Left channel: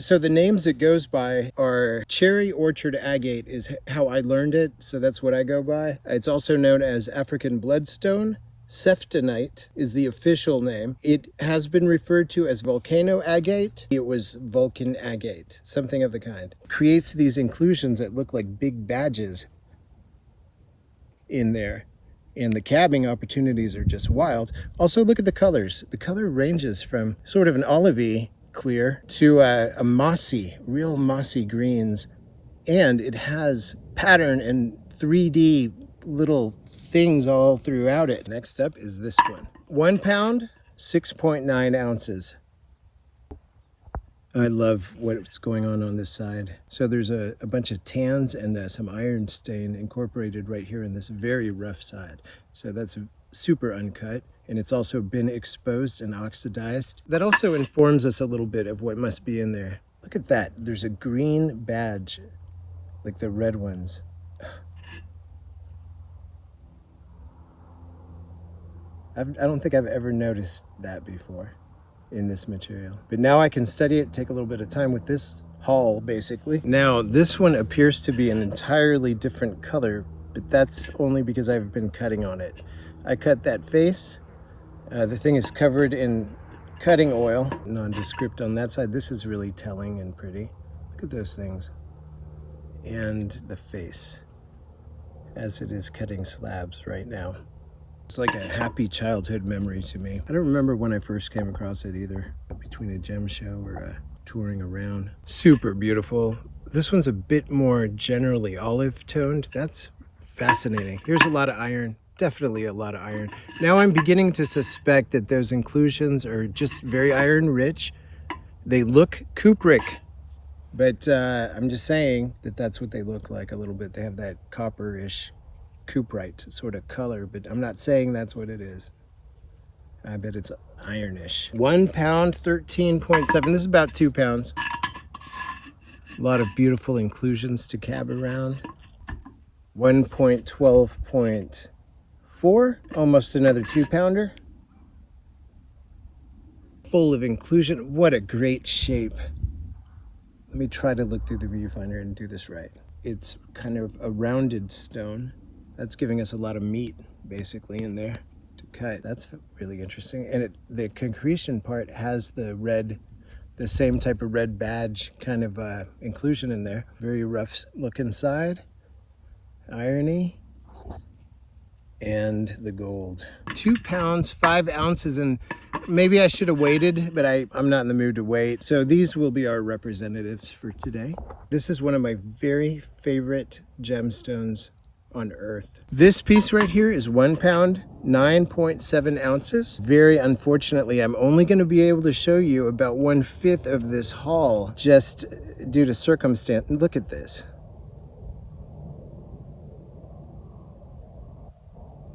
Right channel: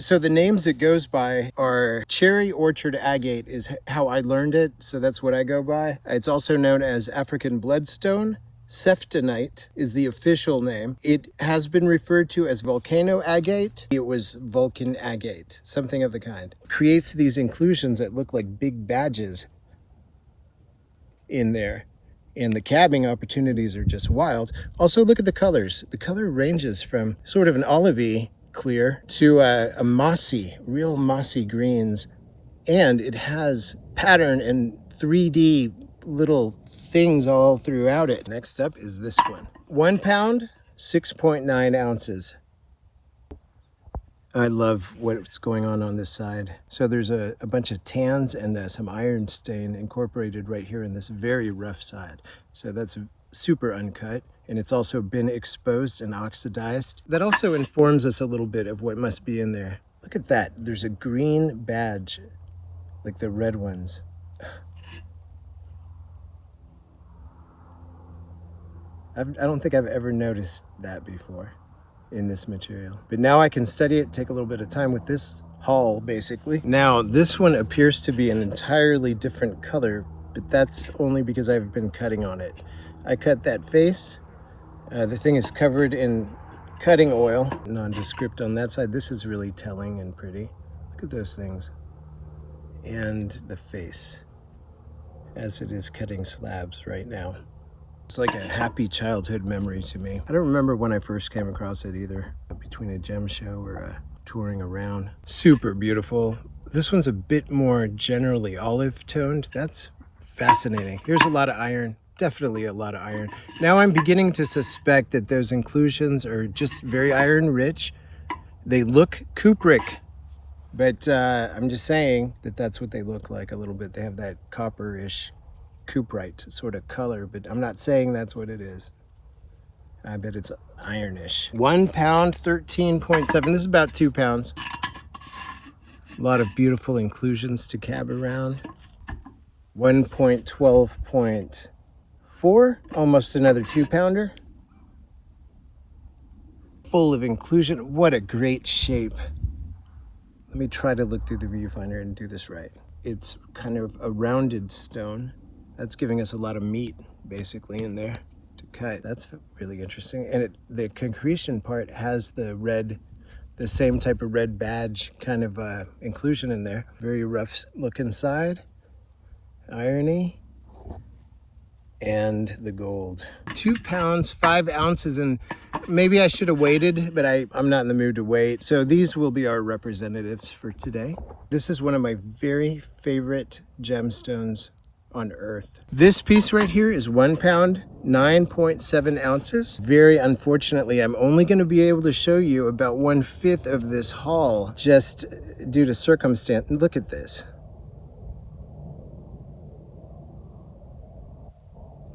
So the names it goes by are Cherry Orchard Agate is how I learned it, so that's what I go by. It's also known as African Bloodstone. Stefoinite is the official name. It has been referred to as volcano agate. It was Vulcan agate, something of the kind. Creates these inclusions that look like big badges in there. And the cabbing opportunities are just wild. Also, look at the colors. The color ranges from sort of an olivey clear to a mossy, real mossy greens. And it has pattern and 3D little things all throughout it. Next up is this one. 1 pound, 6.9 ounces. I love what's going on this side. So there's a bunch of tans and some iron stain incorporated right here in this very rough side. So that's super uncut, and it's also been exposed and oxidized. That also informs us a little bit of what must be in there. Look at that. There's a green badge, like the red ones. I don't think I've ever noticed that before in this material. But now I can study it, take a little bit of time with this haul, basically. Now, this one appears to be an entirely different color, but that's only because I've been cutting on it. I cut that face. The thing is covered in cutting oil. Nondescript on that side. This is really telling and pretty. Look at those things. And the face, as it is cutting slabs right now. It's like a happy childhood memory to me. I don't remember when I first came across it either, between a gem show or touring around. Super beautiful. This one's a bit more generally olive toned. That's fascinating. Here's a lot of iron, definitely a lot of iron. Now I'm beginning to suspect that those inclusions are just very iron rich. They look cupric, but I'm just saying that that's what they look like a little bit. They have that copper-ish cuprite sort of color, but I'm not saying that's what it is. I bet it's ironish. 1 pound, 13.7. This is about 2 pounds. A lot of beautiful inclusions to cab around. 1.12.4, almost another 2-pounder. Full of inclusion. What a great shape. Let me try to look through the viewfinder and do this right. It's kind of a rounded stone. That's giving us a lot of meat, basically, in there to cut. That's really interesting. And the concretion part has the red, the same type of red badge kind of inclusion in there. Very rough look inside. Irony. And the gold. 2 pounds, 5 ounces, and maybe I should have waited, but I'm not in the mood to wait. So these will be our representatives for today. This is one of my very favorite gemstones on earth. This piece right here is 1 pound, 9.7 ounces. Very unfortunately, I'm only going to be able to show you about 1/5 of this haul just due to circumstance. Look at this.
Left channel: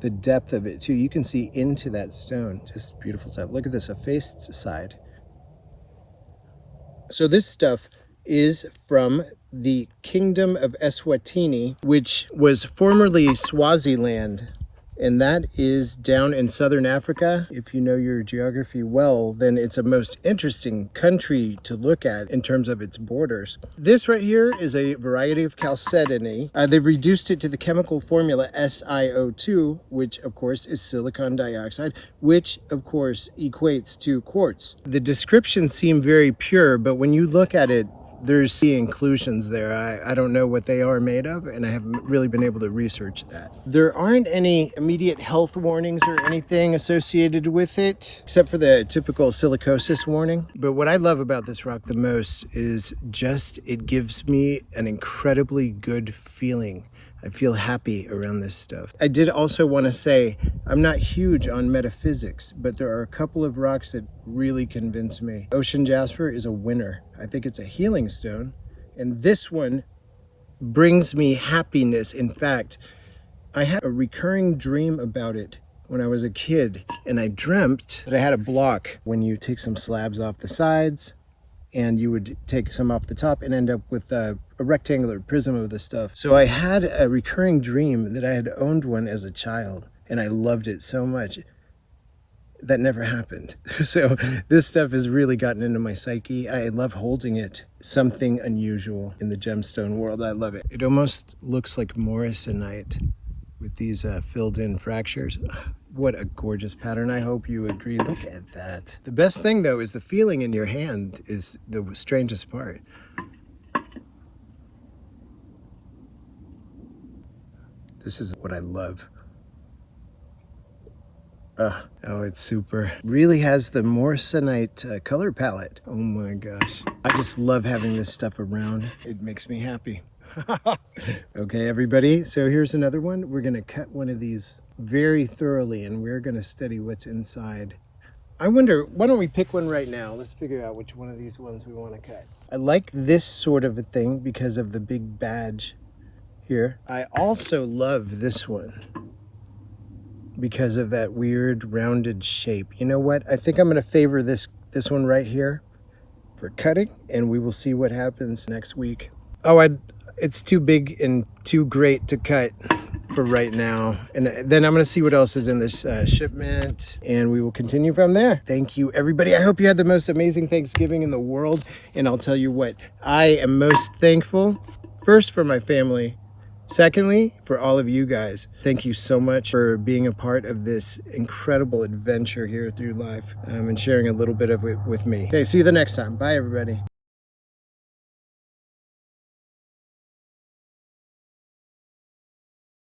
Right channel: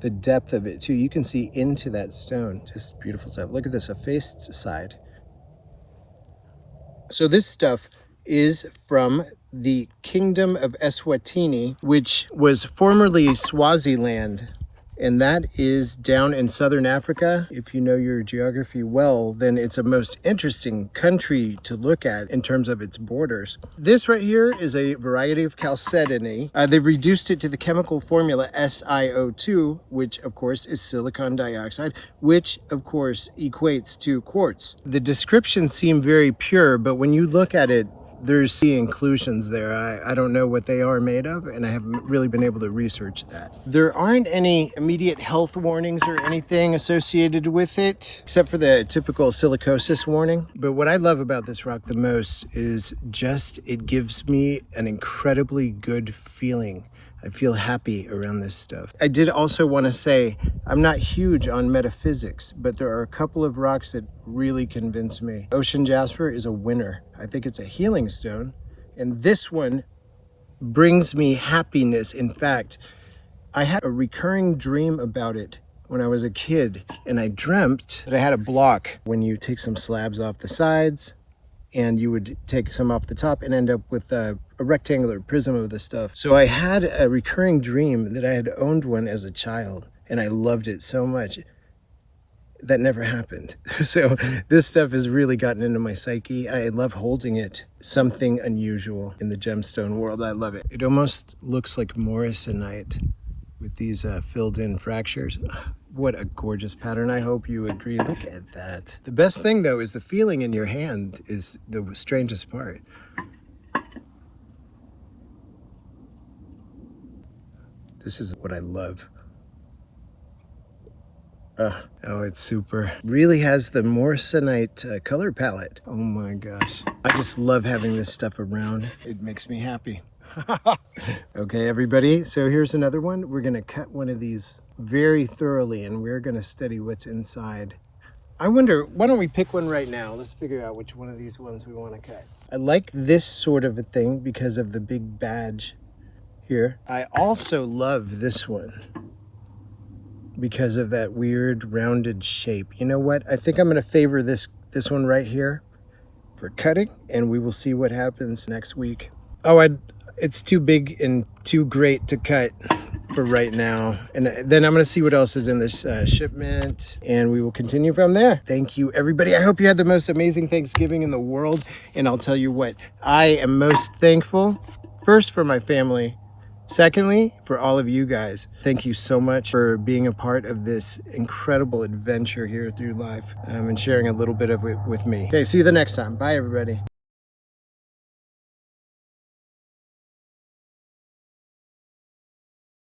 The depth of it too. You can see into that stone. Just beautiful stuff. Look at this, a faced side. So this stuff is from the Kingdom of Eswatini, which was formerly Swaziland, and that is down in southern Africa. If you know your geography well, then it's a most interesting country to look at in terms of its borders. This right here is a variety of chalcedony. They've reduced it to the chemical formula SiO2, which of course is silicon dioxide, which of course equates to quartz. The descriptions seem very pure, but when you look at it, there's the inclusions there. I don't know what they are made of, and I haven't really been able to research that. There aren't any immediate health warnings or anything associated with it, except for the typical silicosis warning. But what I love about this rock the most is just it gives me an incredibly good feeling. I feel happy around this stuff. I did also want to say, I'm not huge on metaphysics, but there are a couple of rocks that really convince me. Ocean Jasper is a winner. I think it's a healing stone, and this one brings me happiness. In fact, I had a recurring dream about it when I was a kid, and I dreamt that I had a block. When you take some slabs off the sides, and you would take some off the top and end up with a rectangular prism of the stuff. So I had a recurring dream that I had owned one as a child, and I loved it so much. that never happened. So this stuff has really gotten into my psyche. I love holding it. Something unusual in the gemstone world. I love it. It almost looks like morrisonite with these filled in fractures. What a gorgeous pattern. I hope you agree. Look at that. The best thing though is the feeling in your hand is the strangest part. This is what I love. Oh, it's super. Really has the morrisonite color palette. Oh my gosh. I just love having this stuff around. It makes me happy. Okay, everybody. So here's another one. We're going to cut one of these very thoroughly and we're going to study what's inside. I wonder, why don't we pick one right now? Let's figure out which one of these ones we want to cut. I like this sort of a thing because of the big badge here. I also love this one because of that weird rounded shape. You know what? I think I'm going to favor this one right here for cutting, and we will see what happens next week. Oh, it's too big and too great to cut for right now. And then I'm going to see what else is in this shipment, and we will continue from there. Thank you, everybody. I hope you had the most amazing Thanksgiving in the world. And I'll tell you what, I am most thankful, first for my family, secondly, for all of you guys. Thank you so much for being a part of this incredible adventure here through life and sharing a little bit of it with me. Okay, see you the next time. Bye, everybody.